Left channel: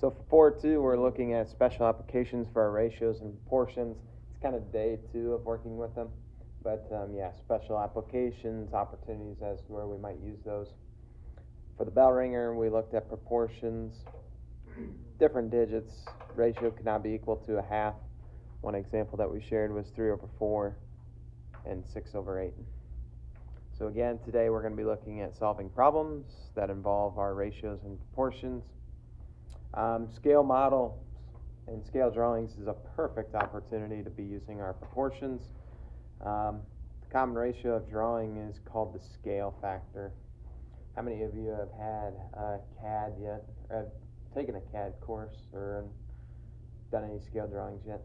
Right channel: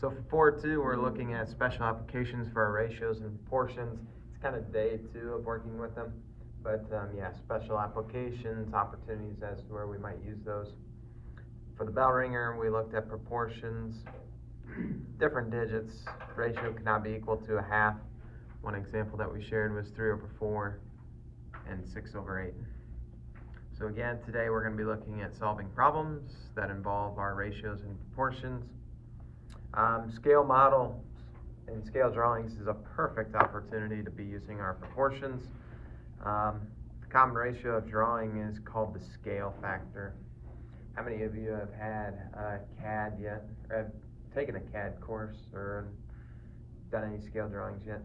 So for 4.2, we're looking at special applications for our ratios and proportions. It's kind of day 2 of working with them. But yeah, special applications, opportunities as to where we might use those. For the bell ringer, we looked at proportions, different digits. Ratio cannot be equal to a half. One example that we shared was 3/4 and 6/8. So again, today we're going to be looking at solving problems that involve our ratios and proportions. Scale models and scale drawings is a perfect opportunity to be using our proportions. The common ratio of drawing is called the scale factor. How many of you have had CAD yet, or have taken a CAD course, or done any scale drawings yet?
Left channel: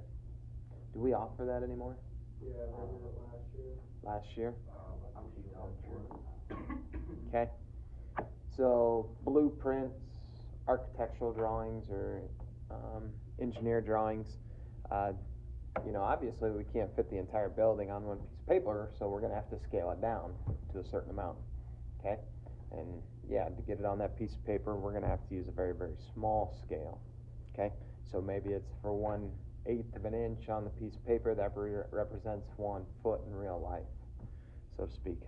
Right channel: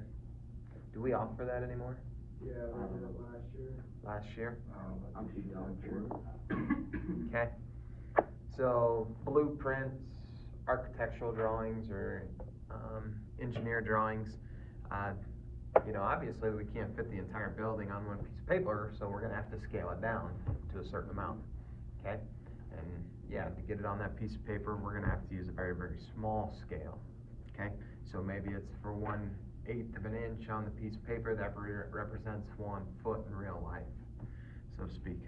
Do we offer that anymore? Yeah, I did it last year. Last year? I'm too young for it. Okay. So blueprints, architectural drawings, or engineer drawings. Obviously we can't fit the entire building on one piece of paper, so we're going to have to scale it down to a certain amount. Okay? And yeah, to get it on that piece of paper, we're going to have to use a very, very small scale. Okay? So maybe it's for 1/8 of an inch on the piece of paper that represents 1 foot in real life, so to speak.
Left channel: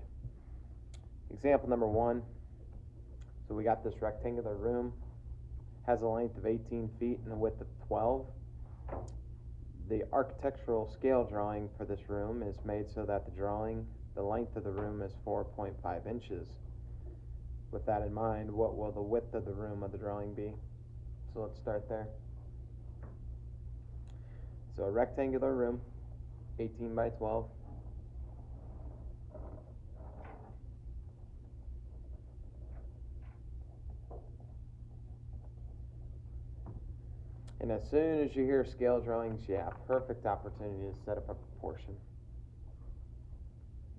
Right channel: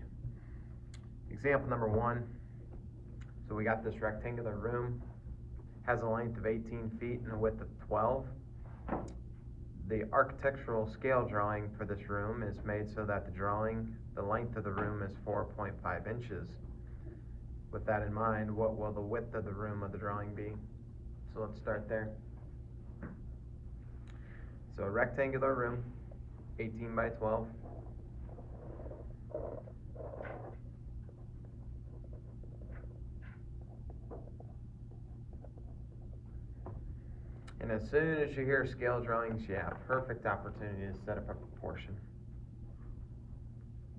Example number 1. So we got this rectangular room, has a length of 18 feet and a width of 12. The architectural scale drawing for this room is made so that the length of the room is 4.5 inches. With that in mind, what will the width of the room of the drawing be? So let's start there. So a rectangular room, 18 by 12. And as soon as you hear scale drawings, yeah, perfect opportunity to set up a proportion.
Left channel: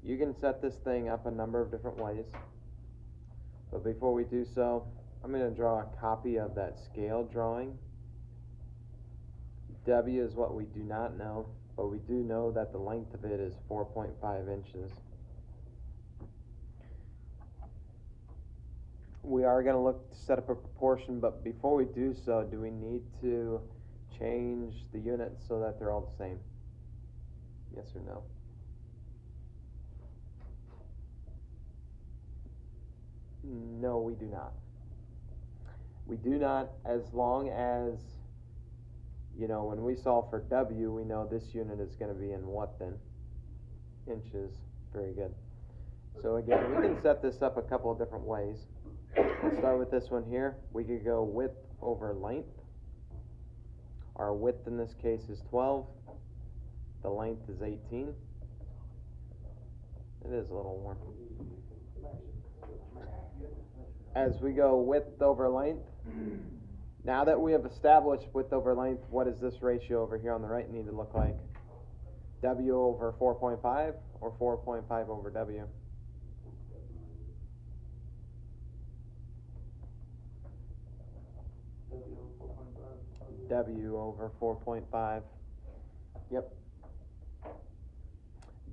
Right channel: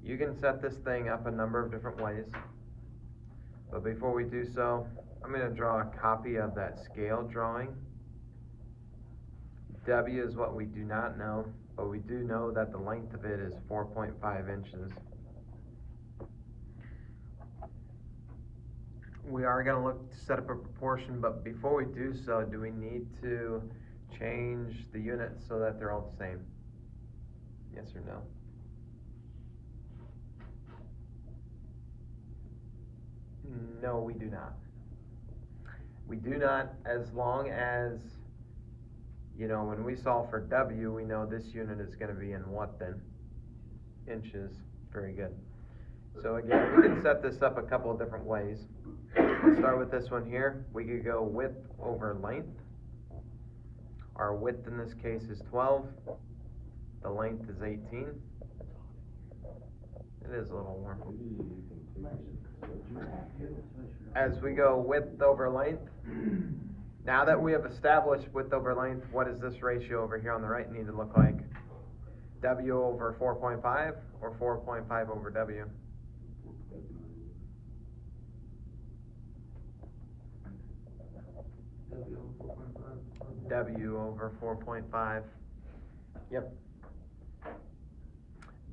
You can set this thing up a number of different ways. But before we do so, I'm going to draw a copy of that scale drawing. W is what we do not know, but we do know that the length of it is 4.5 inches. We are going to look to set up a proportion, but before we do so, do we need to change the units so that they're all the same? Yes or no? No, we do not. We do not, as long as, when we solve for W, we know this unit is going to be in what then? Inches. Very good. So again, we can set this up a couple of different ways. Let's start with this one here. We could go width over length. Our width in this case is 12. The length is 18. It is a little warm. As we go width over length, now that we have established width over length, what does this ratio over here on the right need to look like? W over 4.5 or 4.5 over W? W over 4.5. Yep.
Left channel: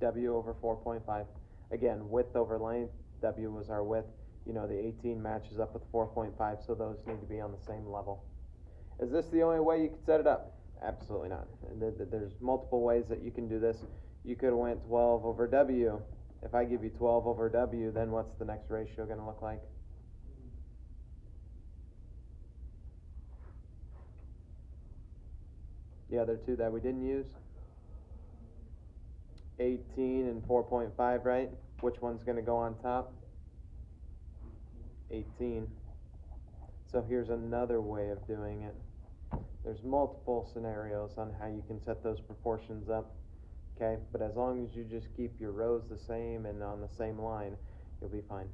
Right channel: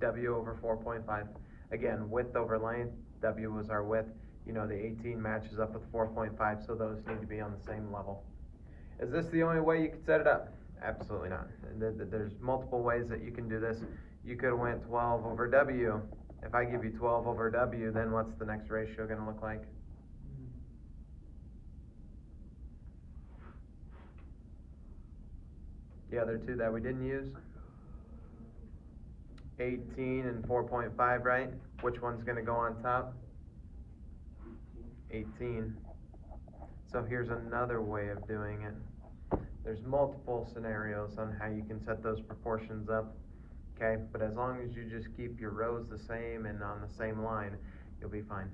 W over 4.5. Again, width over length. W was our width. The 18 matches up with 4.5, so those need to be on the same level. Is this the only way you could set it up? Absolutely not. There's multiple ways that you can do this. You could have went 12 over W. If I give you 12 over W, then what's the next ratio going to look like? The other two that we didn't use? 18 and 4.5, right? Which one's going to go on top? 18. So here's another way of doing it. There's multiple scenarios on how you can set those proportions up. Okay, but as long as you just keep your rows the same and on the same line, you'll be fine.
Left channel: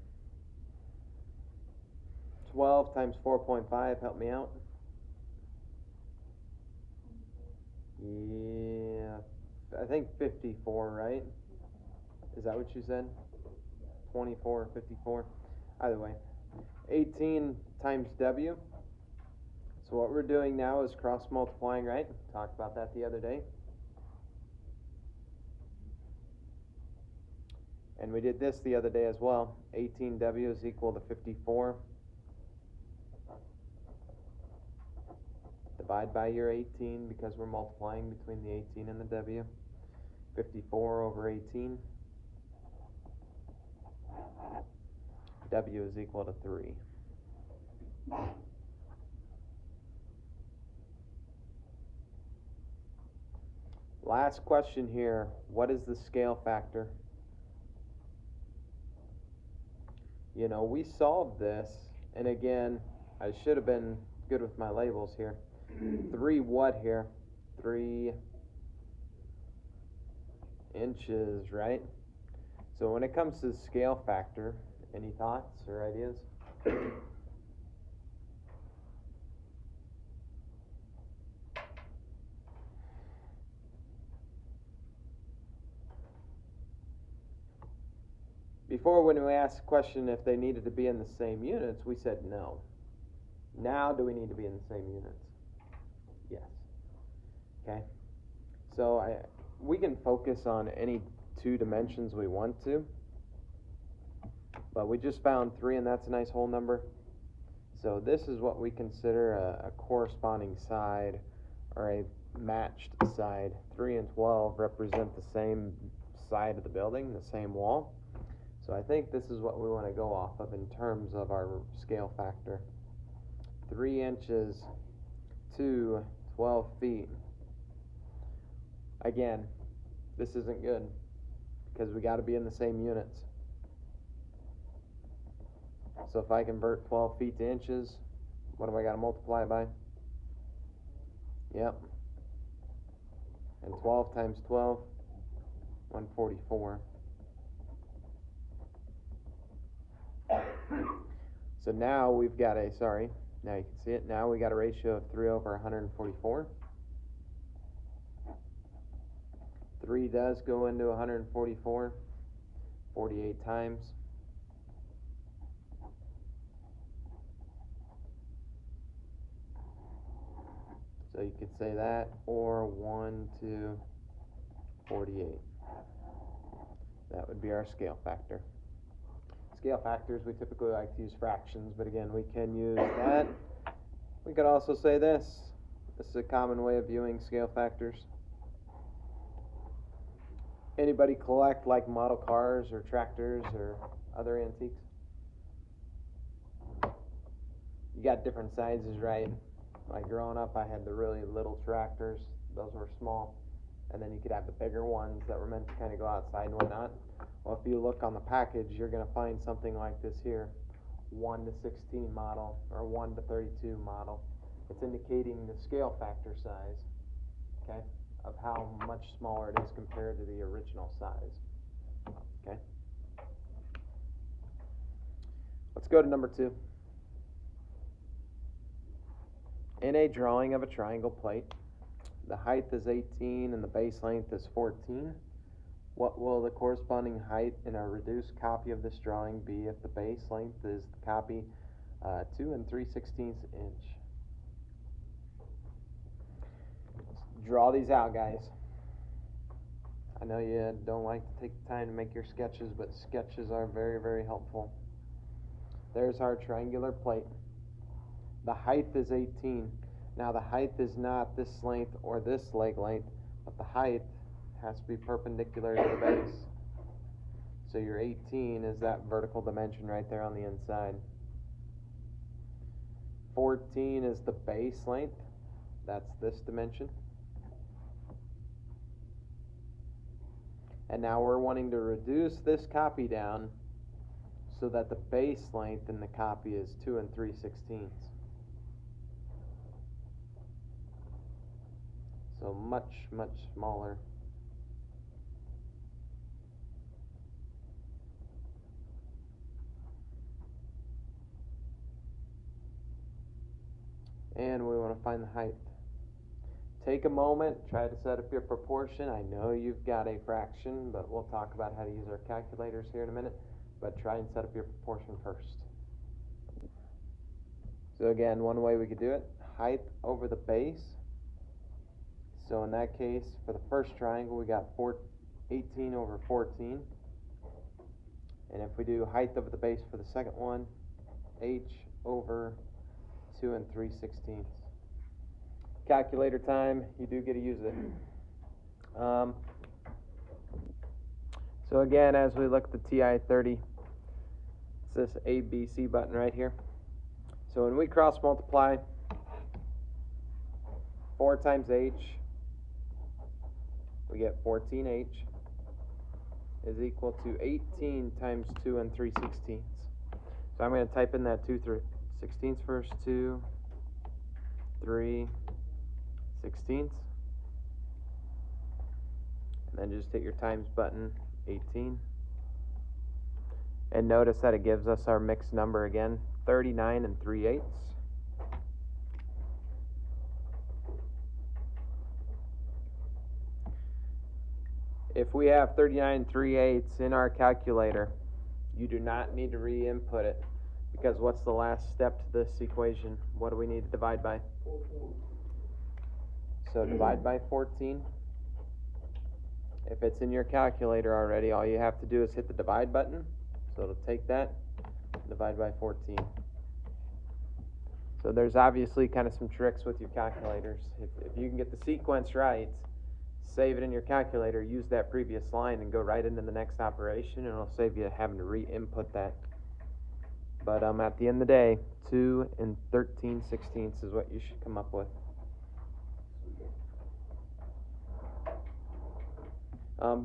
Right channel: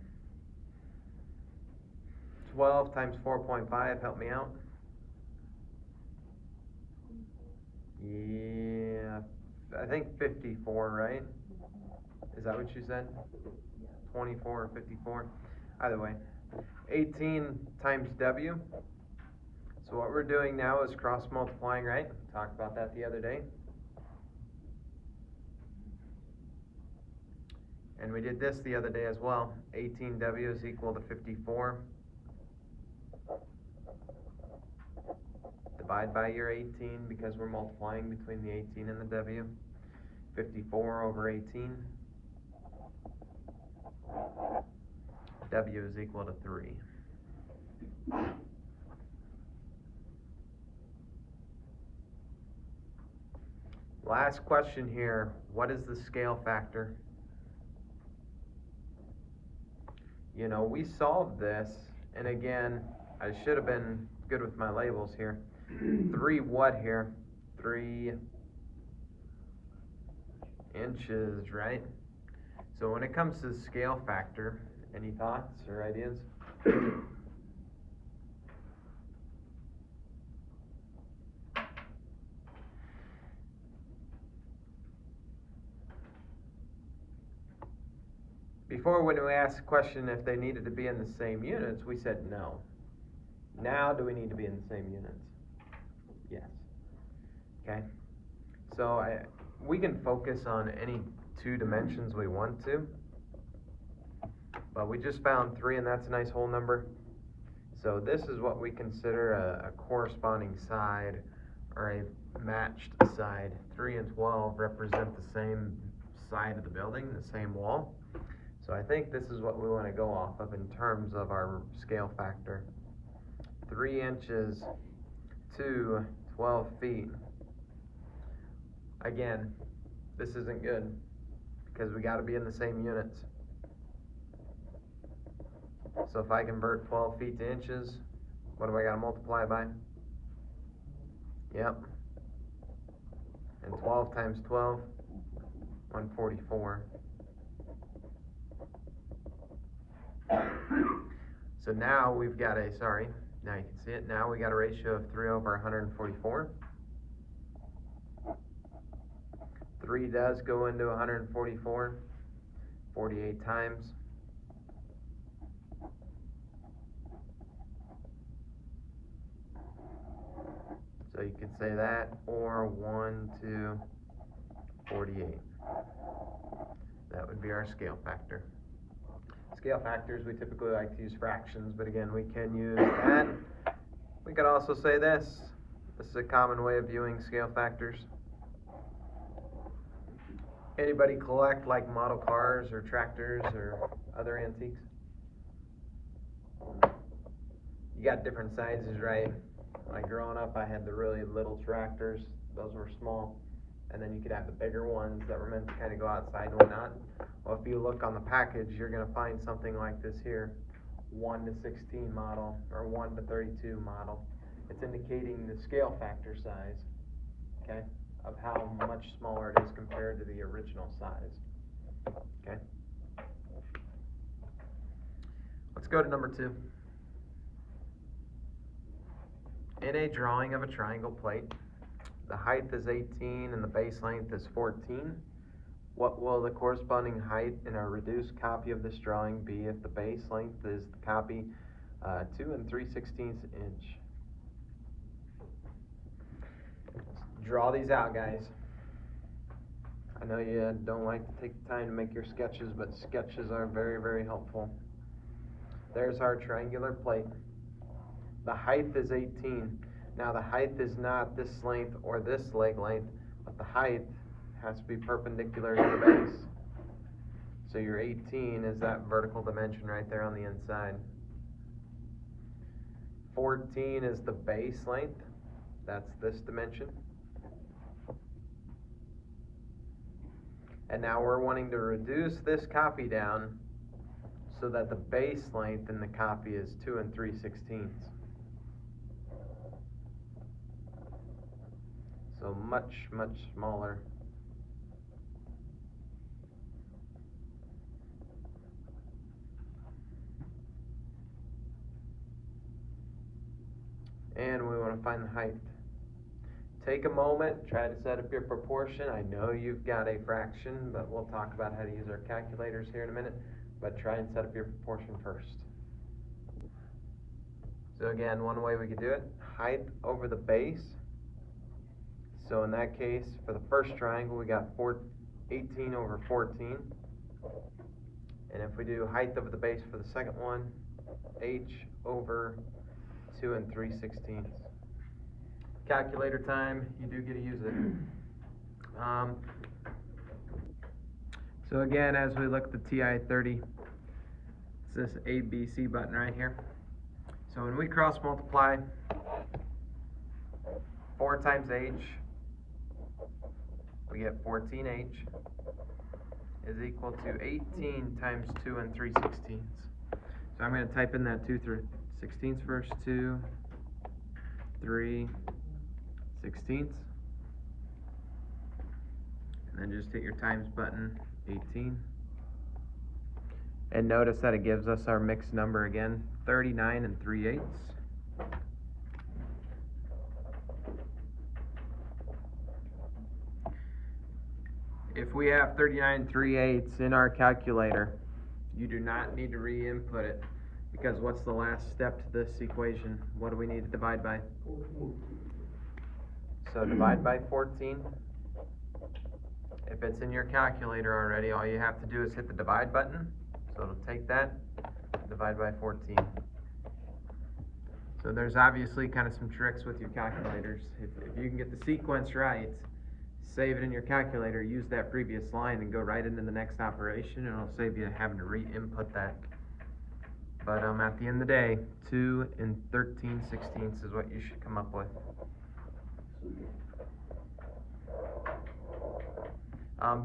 12 times 4.5, help me out. Yeah, I think 54, right? Is that what you said? 24 or 54? Either way. 18 times W. So what we're doing now is cross multiplying, right? Talked about that the other day. And we did this the other day as well. 18W is equal to 54. divide by your 18 because we're multiplying between the 18 and the W. 54 over 18. W is equal to 3. Last question here, what is the scale factor? You know, we solved this, and again, I should have been good with my labels here. 3 what here? 3 inches, right? So when it comes to the scale factor, any thoughts or ideas? Before, when we asked the question if they needed to be in the same units, we said no. Now, do we need to be in the same units? Yes. Okay. So we can focus on any 2 dimensions we want to, but we just found 3, and that's a nice whole number. So this is what we consider a corresponding side, or a matched side. 3 and 12 represent the same side of the building, the same wall. So I think this is what we want to go off of in terms of our scale factor. 3 inches to 12 feet. Again, this isn't good because we got to be in the same units. So if I convert 12 feet to inches, what do I got to multiply by? Yep. And 12 times 12, 144. So now we've got a, now you can see it, now we got a ratio of 3 over 144. 3 does go into 144, 48 times. So you could say that, or 1 to 48. That would be our scale factor. Scale factors, we typically like to use fractions, but again, we can use that. We could also say this. This is a common way of viewing scale factors. Anybody collect like model cars or tractors or other antiques? You got different sizes, right? Like growing up, I had the really little tractors. Those were small. And then you could have the bigger ones that were meant to kind of go outside and whatnot. Well, if you look on the package, you're going to find something like this here. 1 to 16 model, or 1 to 32 model. It's indicating the scale factor size, okay, of how much smaller it is compared to the original size, okay. Let's go to number 2. In a drawing of a triangle plate, the height is 18 and the base length is 14. What will the corresponding height in a reduced copy of this drawing be if the base length is the copy 2 3/16 inch? Draw these out, guys. I know you don't like to take the time to make your sketches, but sketches are very, very helpful. There's our triangular plate. The height is 18. Now the height is not this length or this leg length, but the height has to be perpendicular to the base. So your 18 is that vertical dimension right there on the inside. 14 is the base length. That's this dimension. And now we're wanting to reduce this copy down so that the base length in the copy is 2 3/16. So much, much smaller. And we want to find the height. Take a moment, try to set up your proportion. I know you've got a fraction, but we'll talk about how to use our calculators here in a minute. But try and set up your proportion first. So again, one way we could do it, height over the base. So in that case, for the first triangle, we got 18 over 14. And if we do height over the base for the second one, h over 2 3/16. calculator time, you do get to use it. So again, as we look at the TI-30, it's this ABC button right here. So when we cross multiply 4 times H, we get 14H is equal to 18 times 2 and 3/16. So I'm going to type in that 2 3/16 first, 2 3/16, and then just hit your times button, 18. And notice that it gives us our mixed number again, 39 and 3/8. If we have 39 3/8 in our calculator, you do not need to re-input it, because what's the last step to this equation? What do we need to divide by? 14. So divide by 14. If it's in your calculator already, all you have to do is hit the divide button. So it'll take that, divide by 14. So there's obviously kind of some tricks with your calculators. If you can get the sequence right, save it in your calculator, use that previous line and go right into the next operation, and it'll save you having to re-input that. But at the end of the day, 2 and 13/16 is what you should come up with.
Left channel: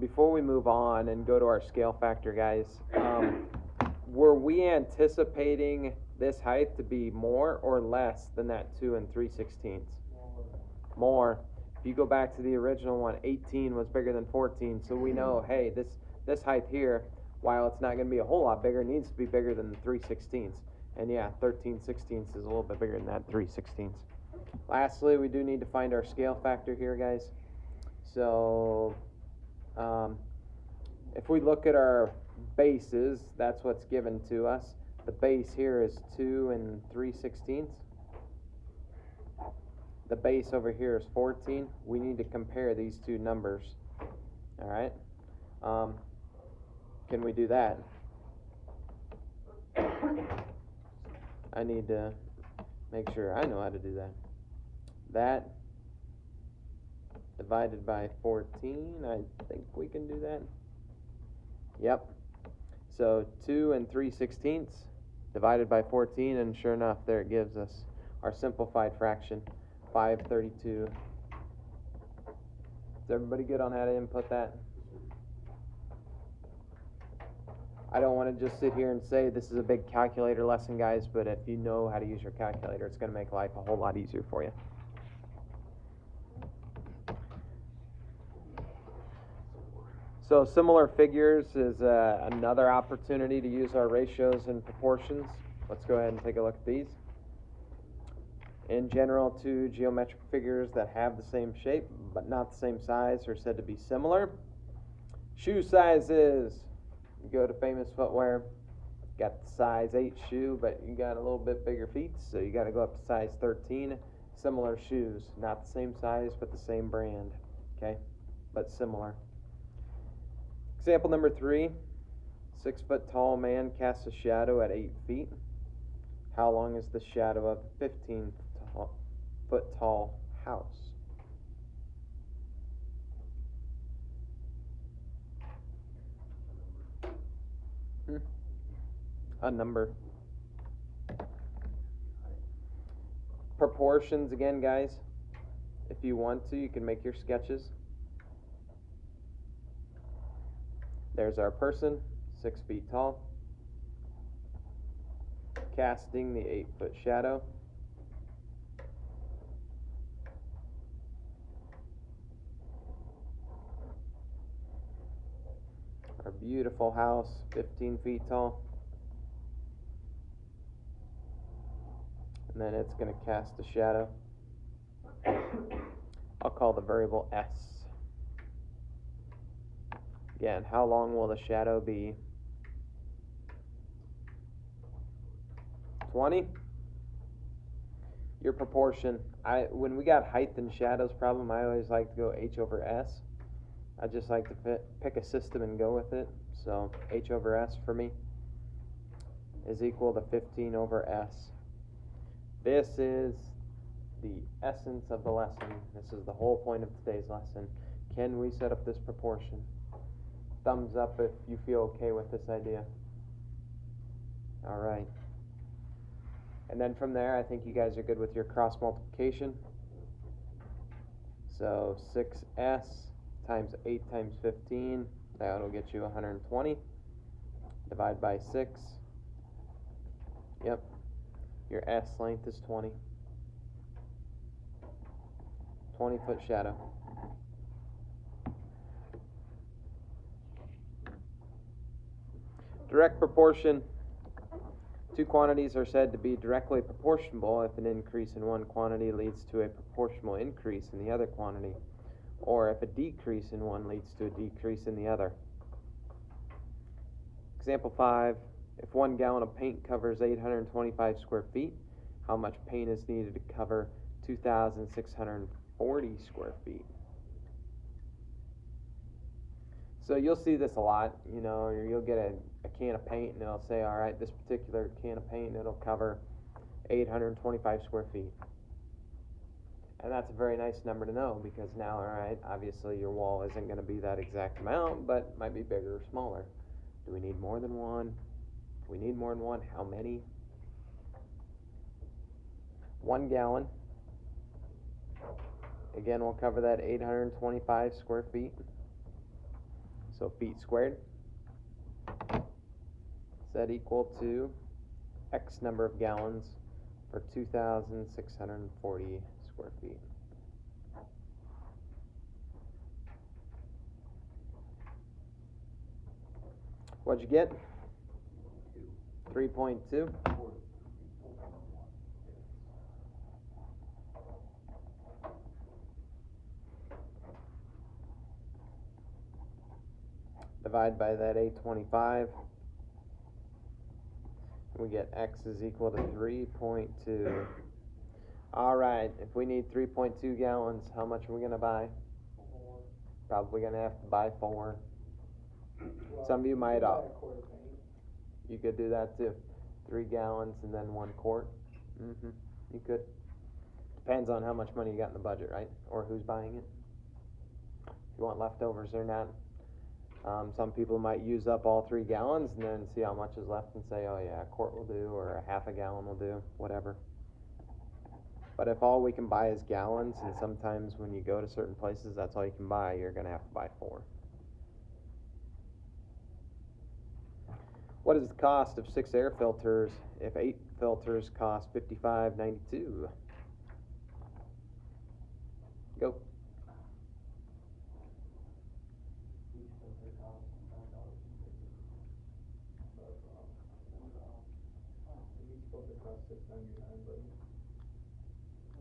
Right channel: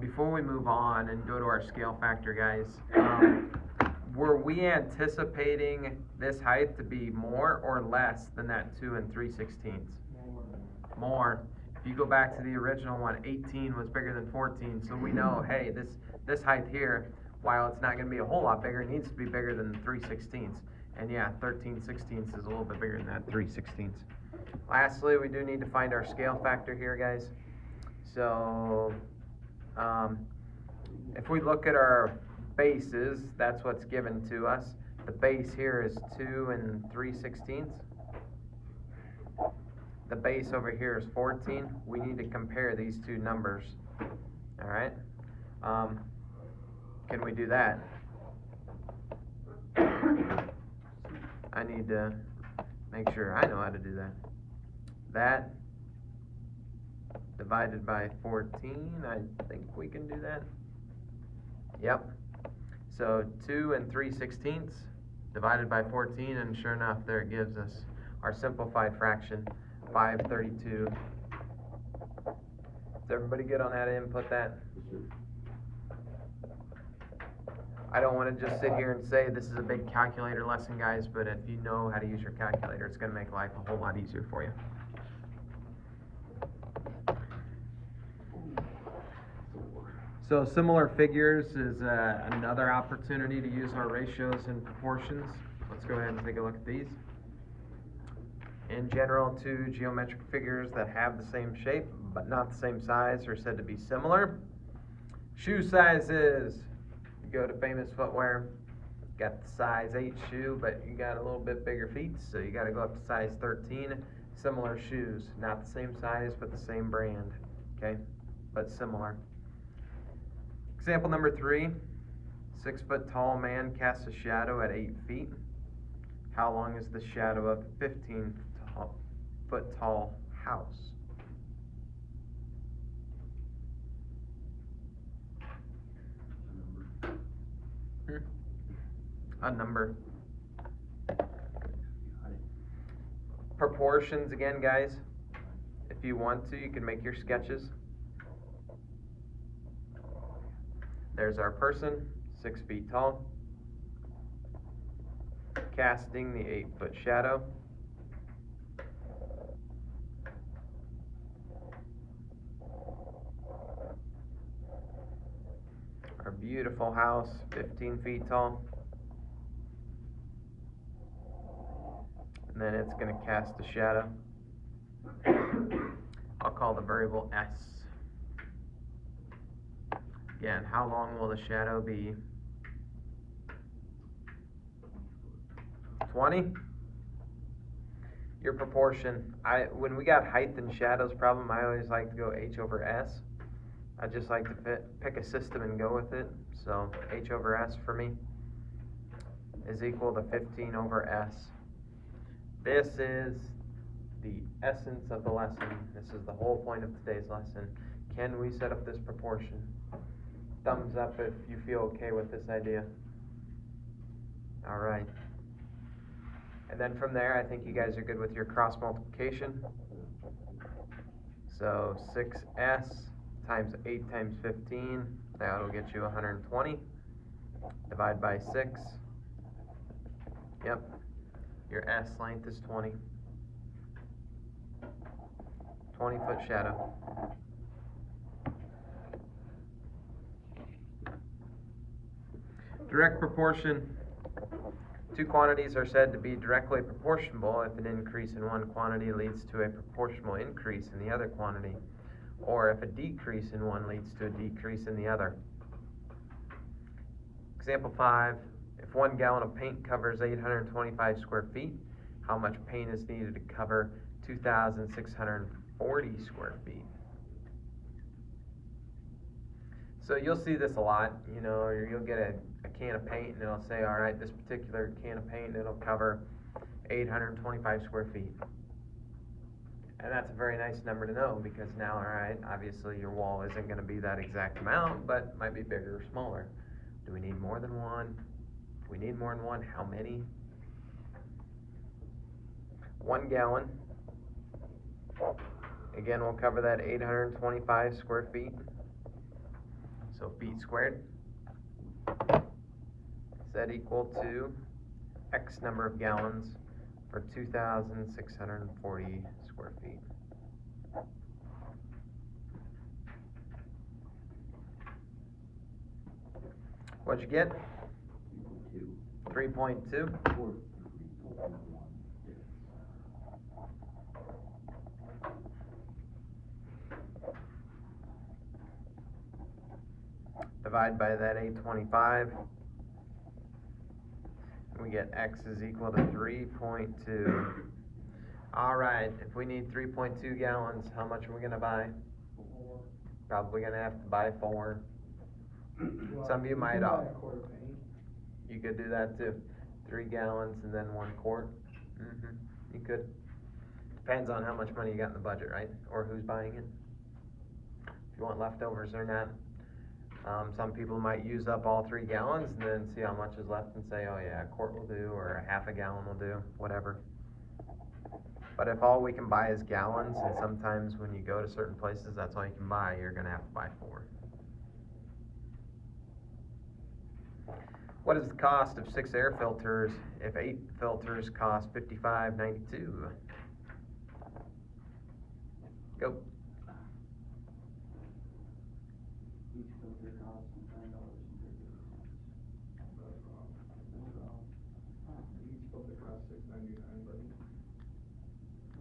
Before we move on and go to our scale factor, guys, were we anticipating this height to be more or less than that 2 and 3/16? More. If you go back to the original one, 18 was bigger than 14, so we know, hey, this height here, while it's not going to be a whole lot bigger, needs to be bigger than 3/16. And yeah, 13/16 is a little bit bigger than that 3/16. Lastly, we do need to find our scale factor here, guys. So if we look at our bases, that's what's given to us. The base here is 2 and 3/16. The base over here is 14. We need to compare these two numbers. All right. Can we do that? I need to make sure I know how to do that. That divided by 14, I think we can do that. Yep. So 2 and 3/16 divided by 14, and sure enough, there it gives us our simplified fraction, 5/32. Is everybody good on how to input that? I don't want to just sit here and say this is a big calculator lesson, guys, but if you know how to use your calculator, it's going to make life a whole lot easier for you. So similar figures is another opportunity to use our ratios and proportions. Let's go ahead and take a look at these. In general, two geometric figures that have the same shape but not the same size are said to be similar. Shoe sizes. You go to Famous Footwear, got the size 8 shoe, but you got a little bit bigger feet, so you got to go up to size 13. Similar shoes, not the same size but the same brand, okay, but similar. Example number 3, 6 foot tall man casts a shadow at 8 feet. How long is the shadow of a 15 foot tall house? A number. Proportions again, guys. If you want to, you can make your sketches. There's our person, 6 feet tall, casting the 8 foot shadow. Our beautiful house, 15 feet tall. And then it's going to cast a shadow. I'll call the variable S. Again, how long will the shadow be? 20? Your proportion. When we got height and shadows problem, I always like to go H over S. I just like to pick a system and go with it. So H over S for me is equal to 15 over S. This is the essence of the lesson. This is the whole point of today's lesson. Can we set up this proportion? Thumbs up if you feel okay with this idea. All right. And then from there, I think you guys are good with your cross multiplication. So 6s times 8 times 15, that'll get you 120. Divide by 6. Yep. Your S length is 20. 20-foot shadow. Direct proportion. Two quantities are said to be directly proportional if an increase in one quantity leads to a proportional increase in the other quantity, or if a decrease in one leads to a decrease in the other. Example 5, if 1 gallon of paint covers 825 square feet, how much paint is needed to cover 2,640 square feet? So you'll see this a lot, you know, or you'll get a can of paint and it'll say, all right, this particular can of paint, it'll cover 825 square feet. And that's a very nice number to know, because now, all right, obviously your wall isn't going to be that exact amount, but might be bigger or smaller. Do we need more than one? Do we need more than one? How many? 1 gallon. Again, we'll cover that 825 square feet. So feet squared. Is that equal to X number of gallons for 2,640 square feet? What'd you get? 3.2. Divide by that 825. We get X is equal to 3.2. All right, if we need 3.2 gallons, how much are we going to buy? Probably going to have to buy 4. Some of you might you could do that too. 3 gallons and then 1 quart. You could. Depends on how much money you got in the budget, right? Or who's buying it. If you want leftovers or not. Some people might use up all 3 gallons and then see how much is left and say, oh yeah, a quart will do, or a half a gallon will do, whatever. But if all we can buy is gallons, and sometimes when you go to certain places, that's all you can buy, you're going to have to buy 4. What is the cost of 6 air filters if 8 filters cost $55.92? Go. Each filter costs $9. Each filter costs $6.99, but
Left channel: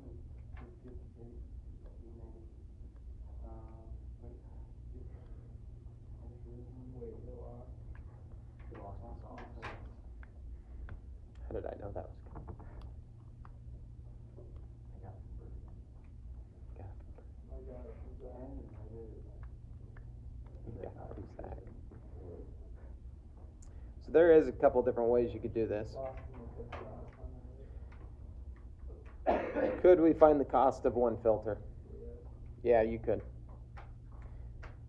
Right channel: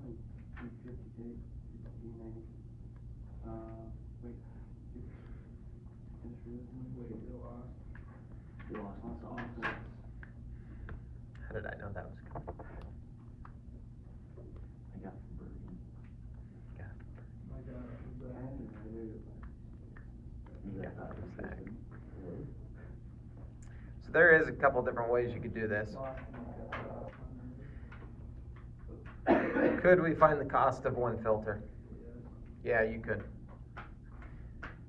$3.50, $16.90. wait, you lost. You lost one song. How did I know that was coming? I got it from Bergen. I got it from Zach. You got it from Zach. So there is a couple different ways you could do this. Could we find the cost of 1 filter? Yeah, you could.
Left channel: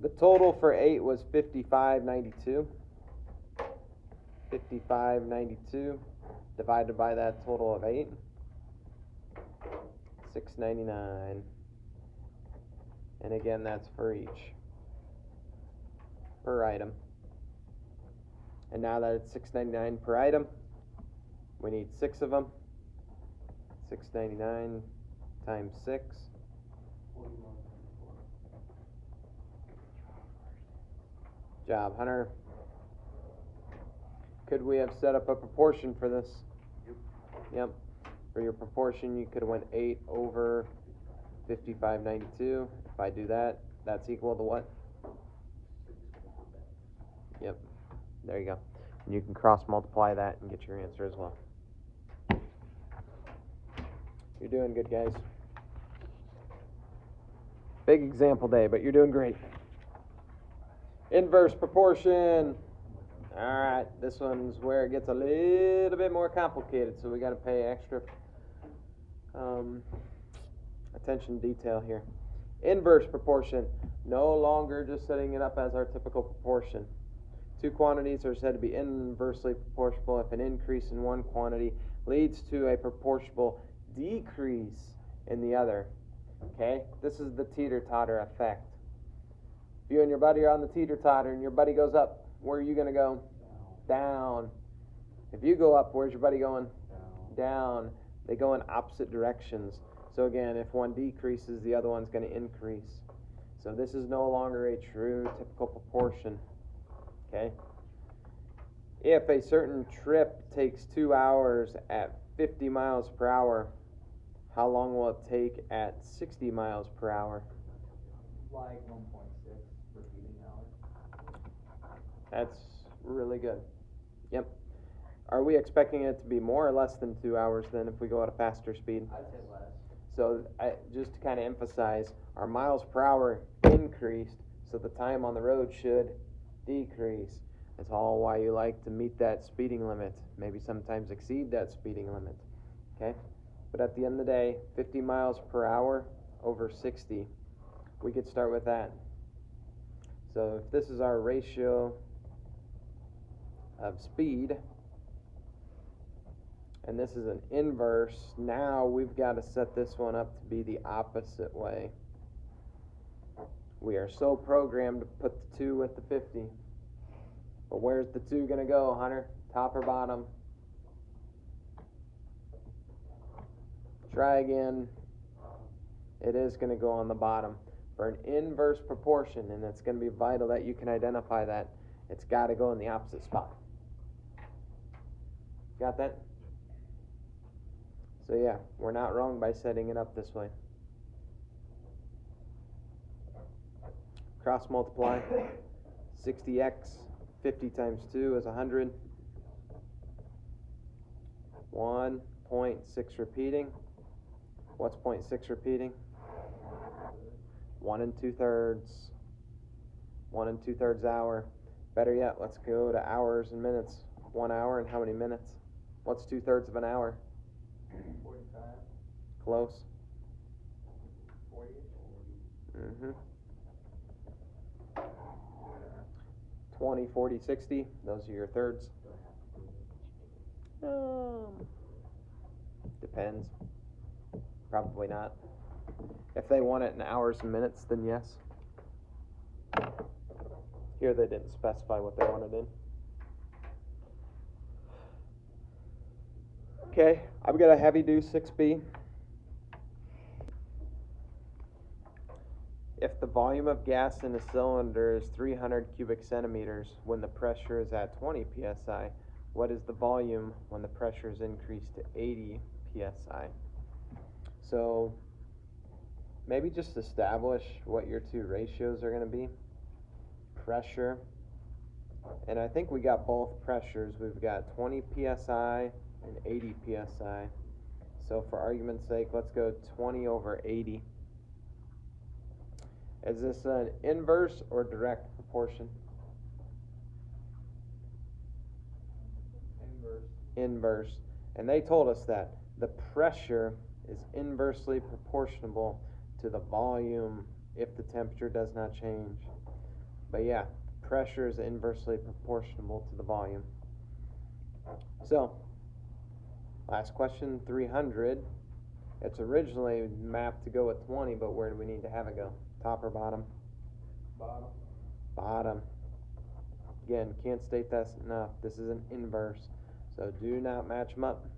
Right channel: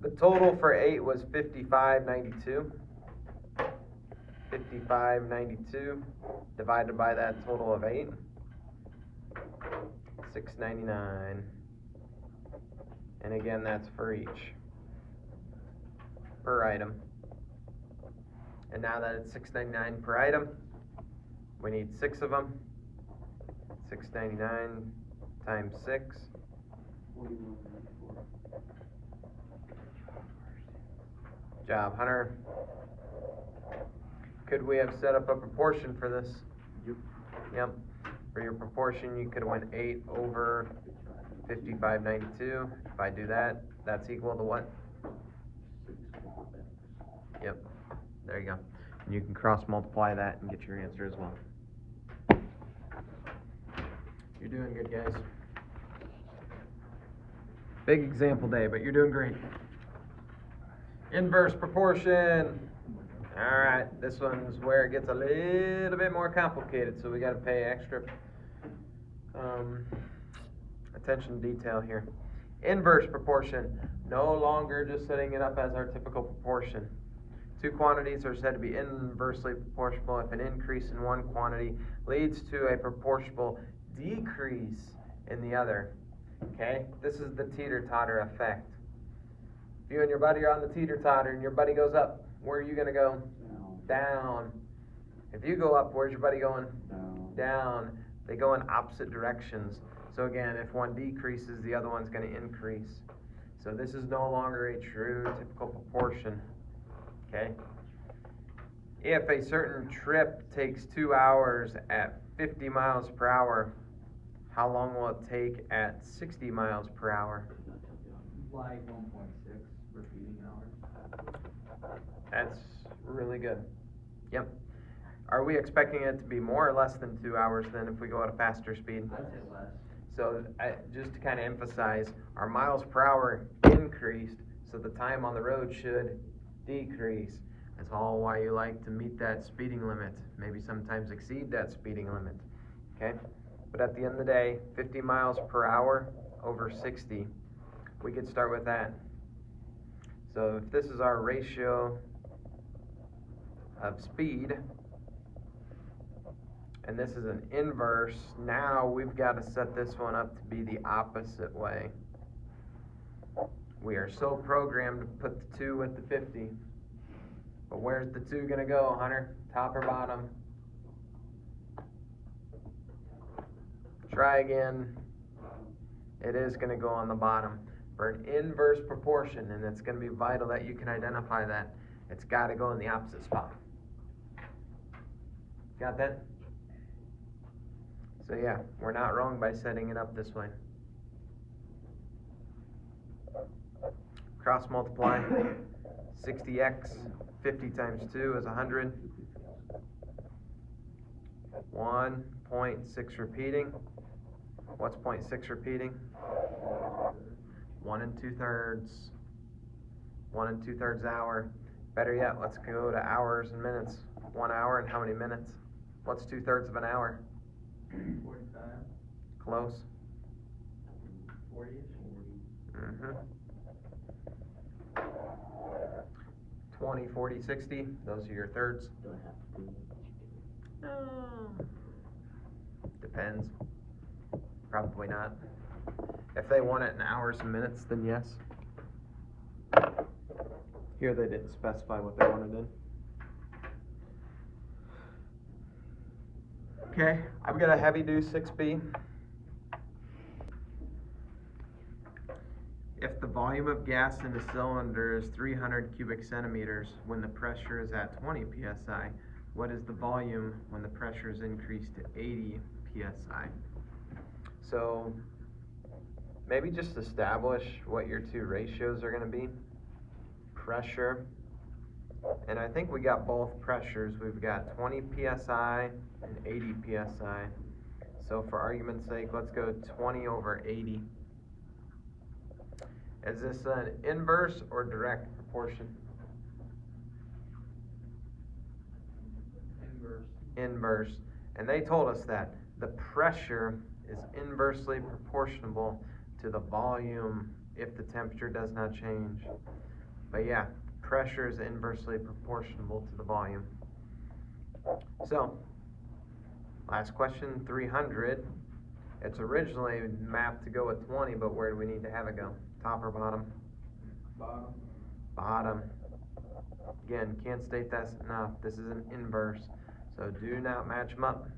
The total for 8 was $55.92. $55.92 divided by that total of 8. $6.99. And again, that's for each. Per item. And now that it's $6.99 per item, we need 6 of them. $6.99 times 6. Job, Hunter. Could we have set up a proportion for this? Yep. For your proportion, you could have went 8 over 55.92. If I do that, that's equal to what? Yep. There you go. And you can cross multiply that and get your answer as well. You're doing good, guys. Big example day, but you're doing great. Inverse proportion. All right, this one's where it gets a little bit more complicated, so we got to pay extra attention to detail here. Inverse proportion, no longer just setting it up as our typical proportion. Two quantities are said to be inversely proportional if an increase in one quantity leads to a proportional decrease in the other. Okay, this is the teeter-totter effect. If you and your buddy are on the teeter-totter and your buddy goes up, where are you going to go? Down. If you go up, where's your buddy going? Down. They go in opposite directions. So again, if one decreases, the other one's going to increase. So this is no longer a true typical proportion. Okay? If a certain trip takes 2 hours at 50 miles per hour, how long will it take at 60 miles per hour? Like 1.6 repeating hours. That's really good. Yep. Are we expecting it to be more or less than 2 hours then if we go at a faster speed? I'd say less. So just to kind of emphasize, our miles per hour increased, so the time on the road should decrease. That's all why you like to meet that speeding limit, maybe sometimes exceed that speeding limit. Okay? But at the end of the day, 50 miles per hour over 60, we could start with that. So if this is our ratio of speed, and this is an inverse, now we've got to set this one up to be the opposite way. We are so programmed to put the 2 with the 50. But where's the 2 going to go, Hunter? Top or bottom? Try again. It is going to go on the bottom. For an inverse proportion, and it's going to be vital that you can identify that, it's got to go in the opposite spot. Got that? So yeah, we're not wrong by setting it up this way. Cross multiply. 60x, 50 times 2 is 100. 1.6 repeating. What's 0.6 repeating? 1 2/3. 1 2/3 hour. Better yet, let's go to hours and minutes. 1 hour and how many minutes? What's 2/3 of an hour? 45. Close. 40-ish. 20, 40, 60. Those are your thirds. Do I have to do it? Depends. Probably not. If they want it in hours and minutes, then yes. Here they didn't specify what they wanted in. Okay, I've got a heavy do 6B. If the volume of gas in a cylinder is 300 cubic centimeters when the pressure is at 20 psi, what is the volume when the pressure is increased to 80 psi? So maybe just establish what your two ratios are going to be. Pressure, and I think we got both pressures. We've got 20 psi and 80 psi. So for argument's sake, let's go 20 over 80. Is this an inverse or direct proportion? Inverse. Inverse. And they told us that the pressure is inversely proportional to the volume if the temperature does not change. But yeah, pressure is inversely proportional to the volume. So, last question, 300. It's originally mapped to go at 20, but where do we need to have it go? Top or bottom? Bottom. Bottom. Again, can't state this enough. This is an inverse. So do not match them up.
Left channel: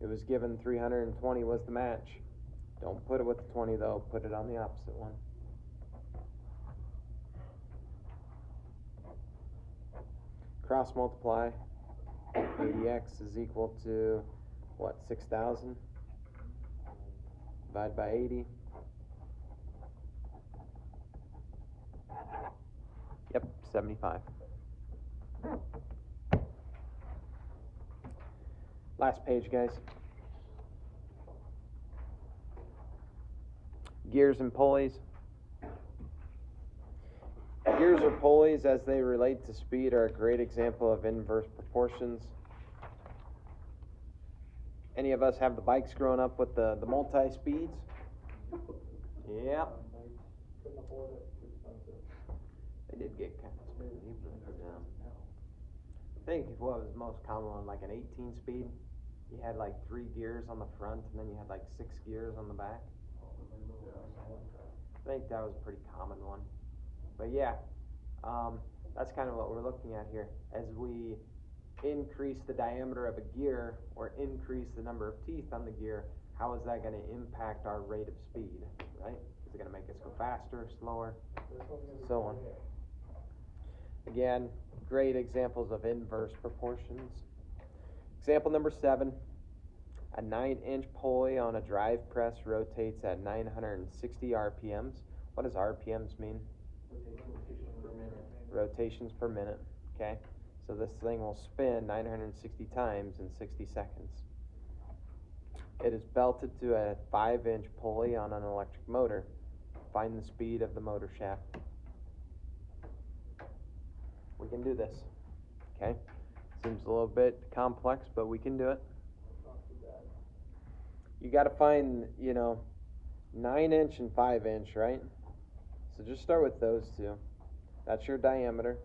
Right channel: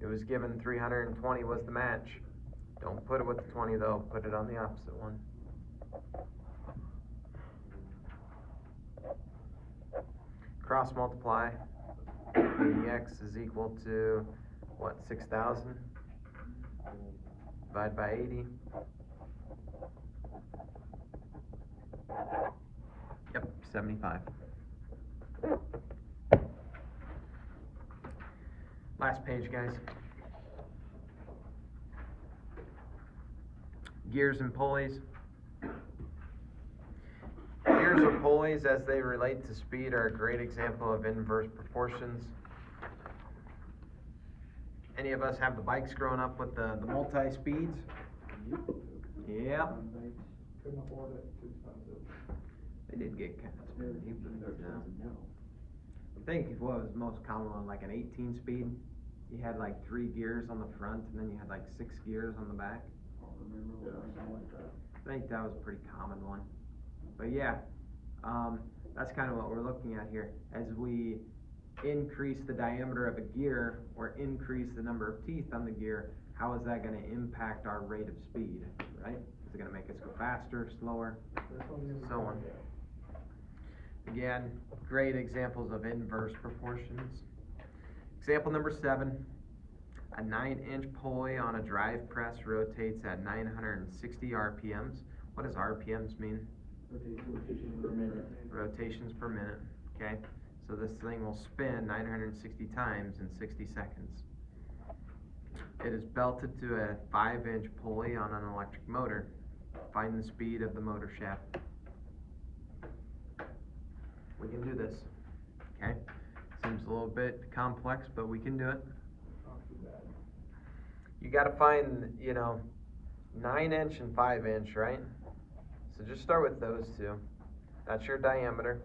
It was given 320 was the match. Don't put it with the 20 though. Put it on the opposite one. Cross multiply. 80x is equal to what? 6,000? Divide by 80. Yep, 75. Last page, guys. Gears and pulleys. Gears or pulleys, as they relate to speed, are a great example of inverse proportions. Any of us have the bikes growing up with the multi-speeds? Yeah, Couldn't afford it, too expensive. they did get kind of expensive, but, No. I think what was most common on like an 18 speed, you had like 3 gears on the front and then you had like 6 gears on the back. I don't remember something like that. I think that was a pretty common one. But yeah, that's kind of what we're looking at here. As we increase the diameter of a gear or increase the number of teeth on the gear, how is that going to impact our rate of speed, right? Is it going to make us go faster, slower, so on? Again, great examples of inverse proportions. Example number 7. A 9-inch pulley on a drive press rotates at 960 RPMs. What does RPMs mean? Rotation per minute. Rotations per minute. Okay, so this thing will spin 960 times in 60 seconds. It is belted to a 5-inch pulley on an electric motor. Find the speed of the motor shaft. We can do this. Okay, seems a little bit complex, but we can do it. You got to find, 9-inch and 5-inch, right? So just start with those two. That's your diameter.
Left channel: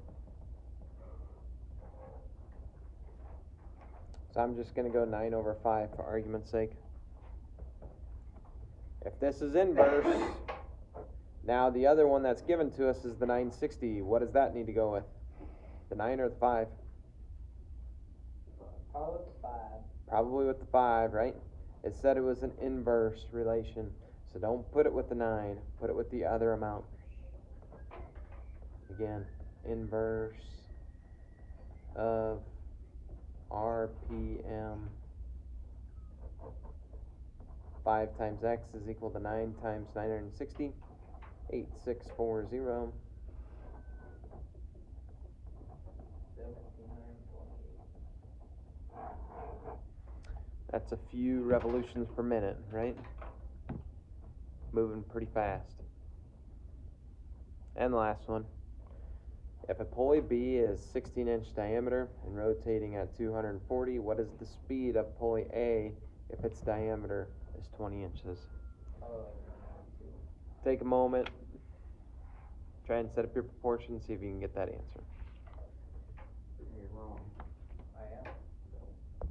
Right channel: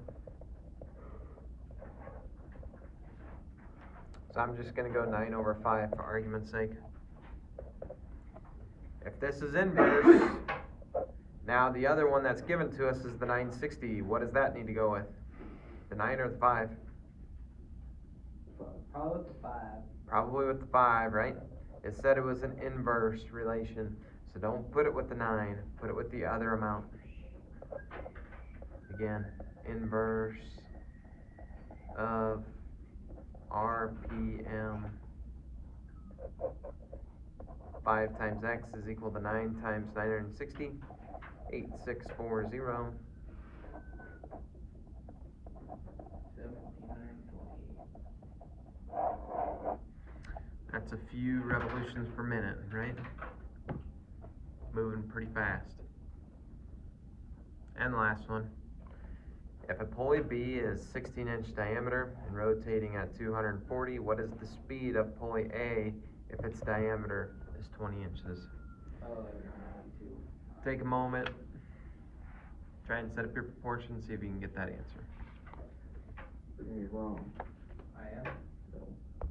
So I'm just going to go 9/5 for argument's sake. If this is inverse, now the other one that's given to us is the 960. What does that need to go with? The 9 or the 5? Probably with the 5. Probably with the 5, right? It said it was an inverse relation. So don't put it with the 9. Put it with the other amount. Again, inverse of RPM. 5 times x is equal to 9 times 960. 8640. 7928. That's a few revolutions per minute, right? Moving pretty fast. And the last one. If a pulley B is 16-inch diameter and rotating at 240, what is the speed of pulley A if its diameter is 20 inches? Take a moment. Try and set up your proportions, see if you can get that answer. Very wrong.